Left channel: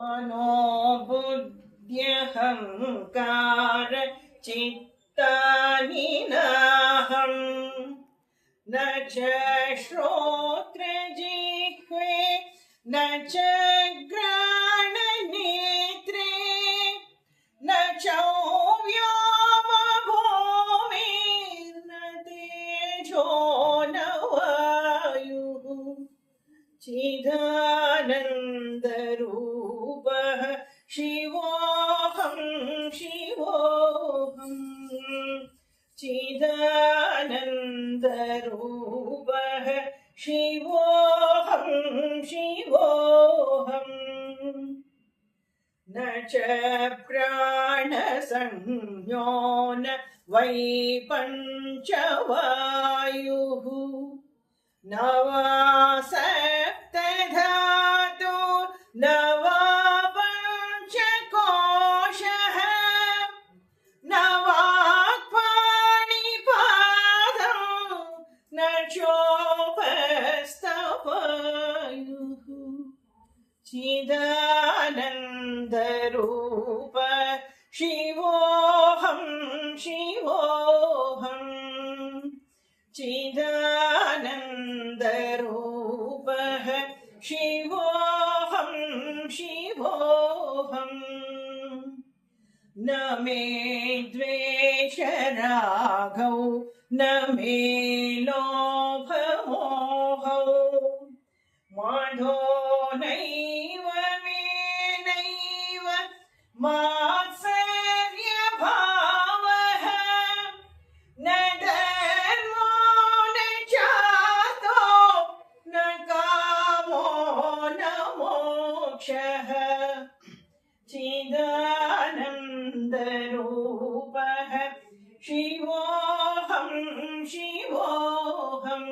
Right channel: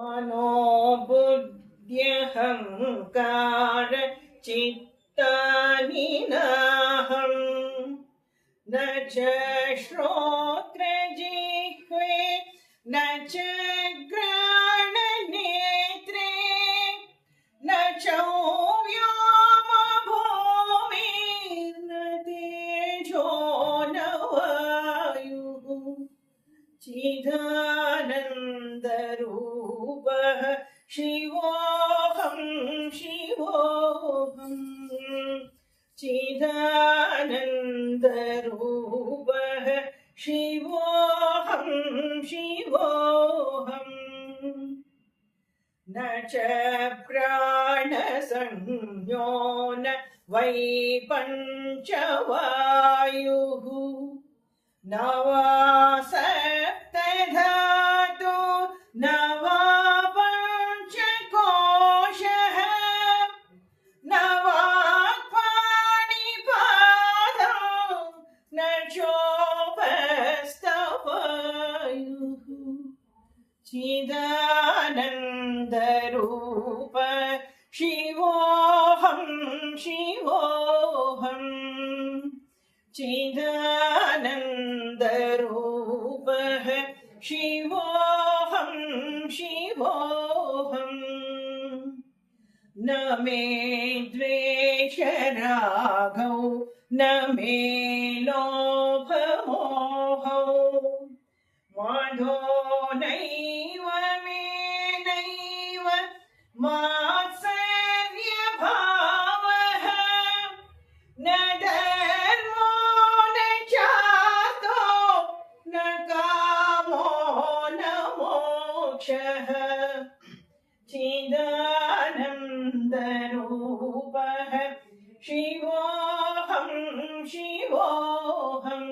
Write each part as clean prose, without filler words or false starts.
मनोबुद्ध्यहङ्कार चित्तानि नाहम् न च श्रोत्रजिह्वे न च घ्राणनेत्रे न चौव्योमभूमिर्न तेजो न वायुः चिदानन्दरूपः शिवोऽहं शिवोऽहम् चिदानन्दरूपः शिवोऽहं शिवोऽहम् न च प्राणसंज्ञो न वै पञ्चवायुः न वा सप्तधातु न वा पञ्चकोशः न वा पाणिपादौ न चोपस्थवायुः चिदानन्दरूप शिवोऽहं शिवोऽहम् चिदानन्दरूपः शिवोऽहं शिवोऽहम् न मे द्वेषरागौ न मे लोभमोहौ माधो नैव मे नैव मात्सर्यभावः न धर्मो न चार्थो न कामो न मोक्षः चिदानन्दरूपः शिवोऽहं शिवोऽहम्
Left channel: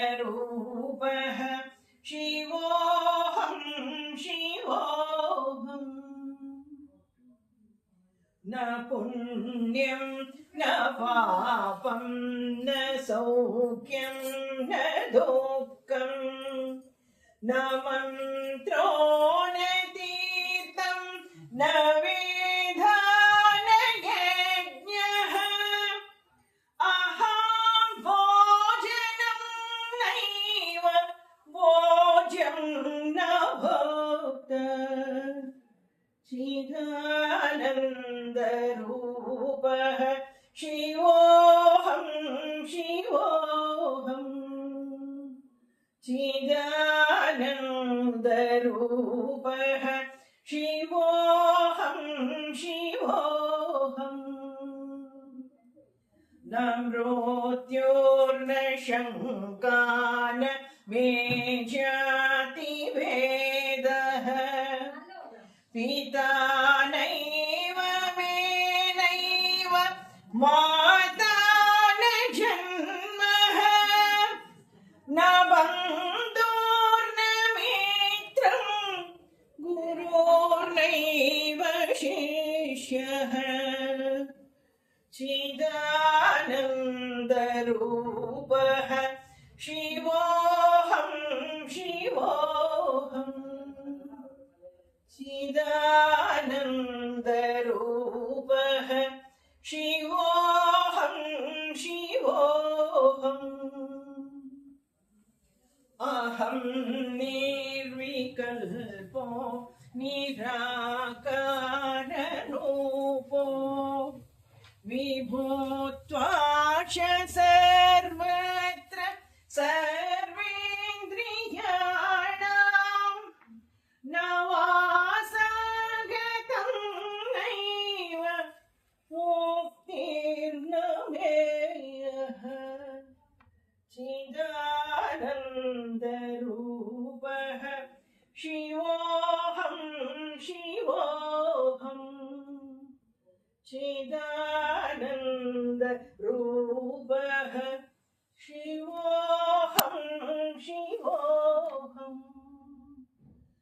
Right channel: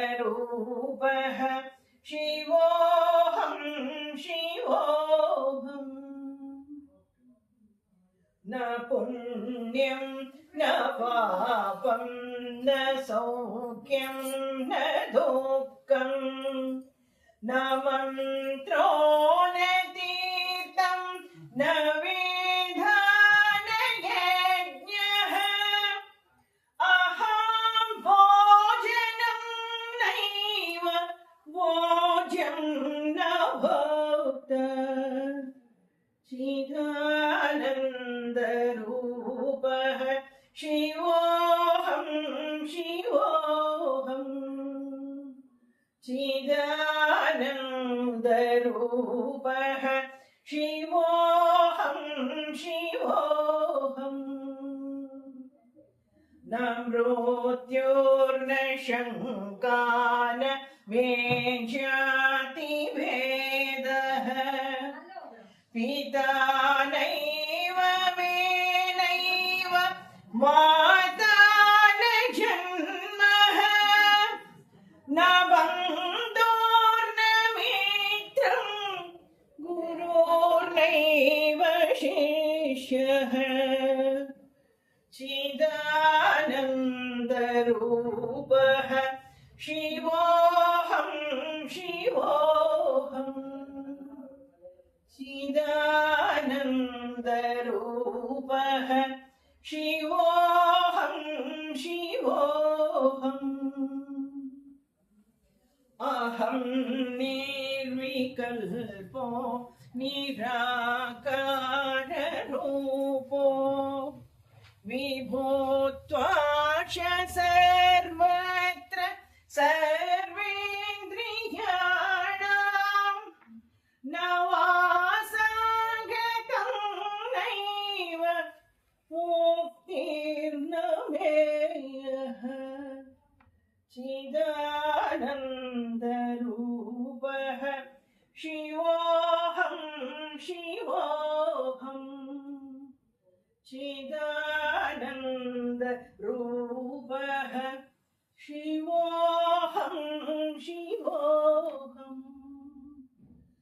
चिदानन्दरूपः शिवोऽहं शिवोऽहम् न पुण्यं न पापं न सौख्यं न दुःखं न मन्त्रो न तीर्थं न वेदा न यज्ञः अहं भोजनं नैव भोज्यं न भोक्ता चिदानन्दरूपः शिवोऽहं शिवोऽहम् चिदानन्दरूपः शिवोऽहं शिवोऽहम् न मृत्युर्न शङ्का न मे जातिभेदः पिता नैव मे नैव माता न जन्मः न बन्धुर्न मित्रं गुरुर्नैव शिष्यः चिदानन्दरूपः शिवोऽहं शिवोऽहम् चिदानन्दरूपः शिवोऽहं शिवोऽहम् अहं निर्विकल्पो निराकाररूपो विभूत्वाच सर्वत्र सर्वेन्द्रियाणां न वासगतं नैव मुक्तिर्न मेयः चिदानन्दरूपः शिवोऽहं शिवोऽहम् चिदानन्दरूपः